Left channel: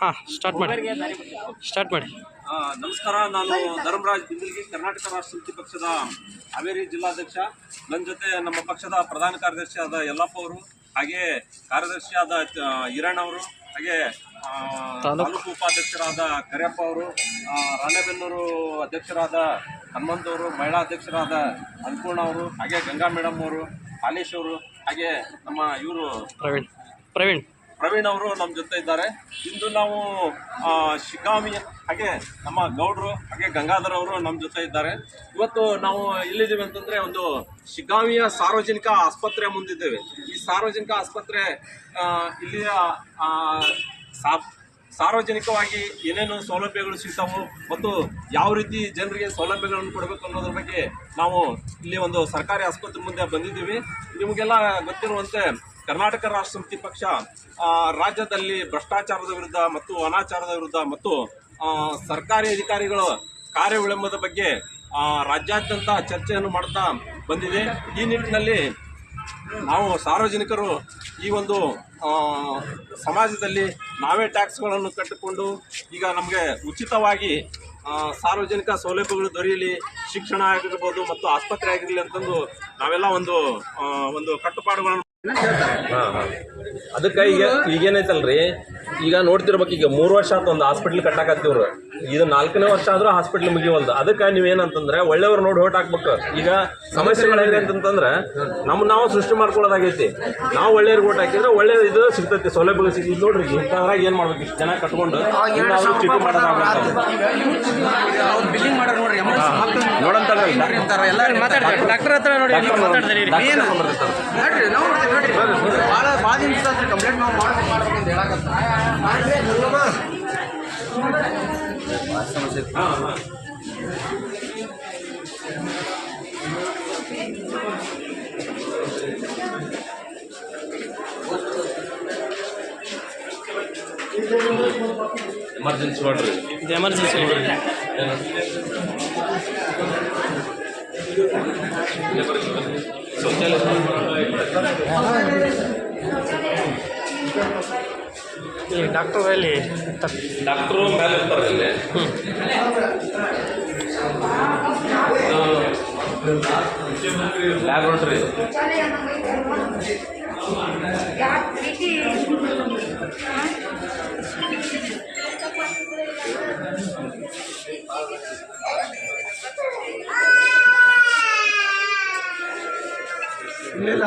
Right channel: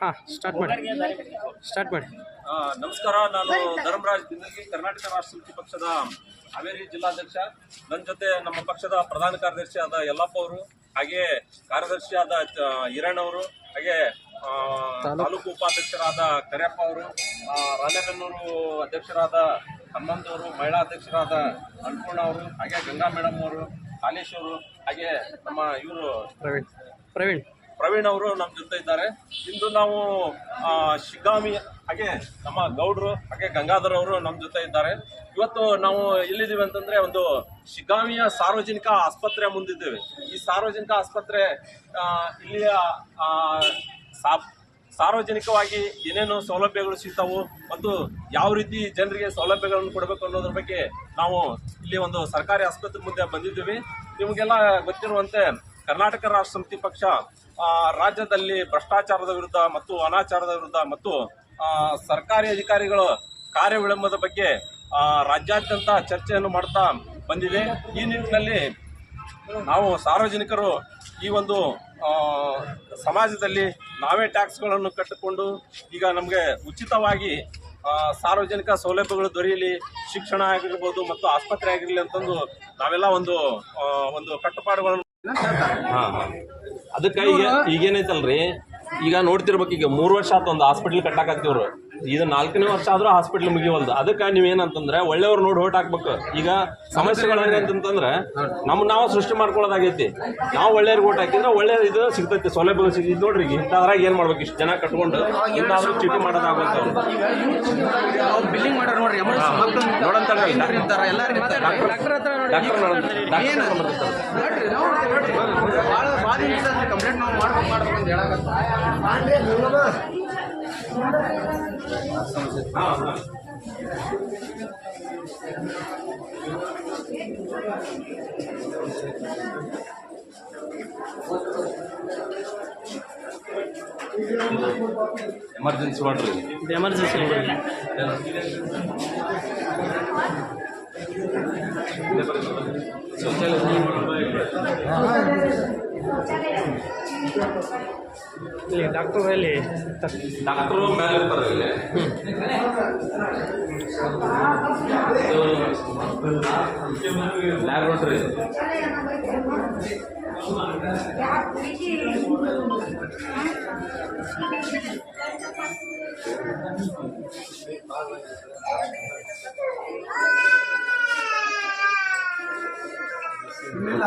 ಹಾಂ ಸ್ಟಾರ್ಟ್ ಮಾಡಿ. ನಮಸ್ಕಾರ, ನಾನು ಧರ್ಮರಾಜ್ ಬಿಂದಲ್ಗಿ, ಕರ್ನಾಟಕ ರಾಷ್ಟ್ರ ಸಮಿತಿ ಪಕ್ಷದ ಹಾವೇರಿ ಜಿಲ್ಲಾಧ್ಯಕ್ಷ. ನನ್ನ ಜೊತೆ ನಮ್ಮ ಪಕ್ಷದ ಪ್ರಧಾನ ಕಾರ್ಯದರ್ಶಿ ಆದ ಯಲ್ಲಪ್ಪ ಅವರು, ಹಾಗೆ ಕಾರ್ಯದರ್ಶಿ ಆದ ಹಿರಣ್ಣ ಅವರು, ಹಾಗೆ ತಾಲೂಕು ಉಪಾಧ್ಯಕ್ಷರಾದ ಕರಿಯಪ್ಪ ಅವರು, ರಾಣೆಬೆನ್ನೂರು ಅಧ್ಯಕ್ಷರಾದ ಹನುಮಂತ್ ಅವರು, ಮಹಿಳಾ ಅಧ್ಯಕ್ಷರಾದ ಅನ್ನಪೂರ್ಣ ಅವರು, ಹಾಗೆ ಗಂಗಾ ಮೇಡಮ್ ಅವರು, ಹಾಲೇಶ್ ಅವರು, ಹಾಗೆ ನಮ್ಮ ಇವರು ಪ್ರವೀಣ್ ಅವರು ನಮ್ಮ ಜೊತೆ ಇದ್ದಾರೆ. ಇಂದು ನಾವು ಶಿಗ್ಗಾಂವಿ, ಹಾಗೆ ನಮ್ಮ ಗೌಡ್ರು, ಹಾಗೆ ಗಂಗಾಧರ್ ಅವರು ನಮ್ಮ ಜೊತೆ ಇದ್ದಾರೆ. ಇವತ್ತು ನಾವು ಎಲ್ಲಿದ್ದೀವಿ ಅಂತಂದರೆ, ಒಂದು ಶಿಗ್ಗಾಂವಿಯ ಸಾರ್ವಜನಿಕ ಆಸ್ಪತ್ರೆ ಮುಂದಿದ್ದೇವೆ. ಈ ಸಾರ್ವಜನಿಕ ಆಸ್ಪತ್ರೆ ಇಲ್ಲಿಯ ಸಾರ್ವಜನಿಕವಾಗಿ ಏನೇನು ಸೌಲಭ್ಯಗಳು ಸಿಗ್ತಾವು ಮತ್ತು ಯಾವ ರೀತಿ ಜನರಿಗೆ ಸೌಲಭ್ಯಗಳನ್ನು ಕೊಡಬೇಕು ಅನ್ನೋದ್ರ ಬಗ್ಗೆ ನಾವು ಇಲ್ಲಿ ಒಂದು ಸರ್ಕಾರಿ ಆಸ್ಪತ್ರೆ ಮುಂದೆ ಬಂದಿದ್ದೀವಿ. ನಿಮಗೆಲ್ಲ ಗೊತ್ತಿರುವಂತೆ ಕರ್ನಾಟಕ ರಾಷ್ಟ್ರ ಸಮಿತಿ ಪಕ್ಷ ರಾಜ್ಯದಲ್ಲಿ ಭ್ರಷ್ಟಾಚಾರದ ವಿರುದ್ಧ ಮತ್ತು ಅನಾಚಾರದ ವಿರುದ್ಧ ಮತ್ತು ಸರ್ಕಾರಿ ಅಧಿಕಾರಿಗಳ ಕಾರ್ಯ ವಿಳಂಬದ ಬಗ್ಗೆ ರಾಜ್ಯಾದ್ಯಂತ ಚರ್ಚೆಯನ್ನು ಮಾಡ್ತಾ ಬಂದಿದೆ. ಈ ನಿಟ್ಟಿನಲ್ಲಿ ನಾವು ಸಾರ್ವಜನಿಕರು ಈ ಒಂದು ಸಮಾಜದಲ್ಲಿ ನಾವೇ ಟ್ಯಾಕ್ಸ್ಗಳನ್ನು ಕಟ್ಟಿಕೊಂಡು ಈಗ ನಮಗೆ ಉಚಿತವಾಗಿ ಸಾರ್ವಜನಿಕ ಸೌಲಭ್ಯಗಳು ದೊರೆಯಲಿ, ಶಿಕ್ಷಣ ಆಗಿರ್ಬೋದು ಮತ್ತು ಆಸ್ಪತ್ರೆ ಆಗಿರಲಿ ಅಂತಂದು ನಾವೆಲ್ಲ ಒಂದು ಕಟ್ಟುಪಾಡುಗಳನ್ನು ಅದಕ್ಕೆ ಈಗೇನೈತಲ್ರಿ, ಈಗ ನೋಡ್ತಿರ್ಬೇಕು, ಈಗ 3 ವರ್ಷ ಆಯ್ತು ಒಂದು ಹಾಸ್ಪಿಟ್ಲ್ ಕಟ್ಟಾಕತ್ತಿವ್ರು. ಇದು 4ನೇ ವರ್ಷ ಆದ್ರೂ ಹಾಸ್ಪಿಟ್ಲ್ ಮುಗಿವಲ್ದು. ಅದಕ್ಕೆ ನೀವೇನಂತಂದ್ರೆ ಒಳ್ಳೆಯವ್ರು ನೋಡಿ ಓಟ್ ಹಾಕ್ಬೇಕು. ಈಗ ಸಮಸ್ಯೆಗಳು ಹೆಂಗಂತಂದ್ರೆ ನಾವು ಸೃಷ್ಟಿ ಮಾಡ್ಕೊಳ್ಳೋದಾಗೈತಿ. ನಾವು ಒಳ್ಳೆಯವ್ರಿಗೆ ಓಟ್ ಹಾಕಿದ್ರೆ ಒಳ್ಳೆ ಇದು ಸಿಗ್ತೈತಿ, ಸೌಲಭ್ಯಗಳು ಸಿಗ್ತೈತಿ. ನೋಡ್ರಿ ಇಂಥದ್ರಾಗ ಏನು ಮಾಡ್ಬೇಕು, ಇಷ್ಟು ಜನ ಕಟ್ಕೊಂಡು ಇಂಥಾದ್ರೂ ಚೀಟಿ ಮಾಡೋದಾಗತ್ತೆ. ಬಿಲ್ಡಿಂಗ್ ಮಾಡೋರು ನೋಡ್ರಿ, ಕಂಪ್ಲೇಂಟ್ ಮಾಡ್ಬೇಕು ಅಂತ ಹೇಳಕತ್ತ ಎಮರ್ಜೆನ್ಸಿ ಮಾಡ್ರಿ, ಇದು ಎಮರ್ಜೆನ್ಸಿ ನೋಡ್ರಿ. ಡಾಕ್ಟರ್ ಮೇಲೆ ಇರ್ತಾರೆ ಇಲ್ಲಿ. ಲ್ಯಾಬ್ರೇಟರಿ ಇಲ್ಲ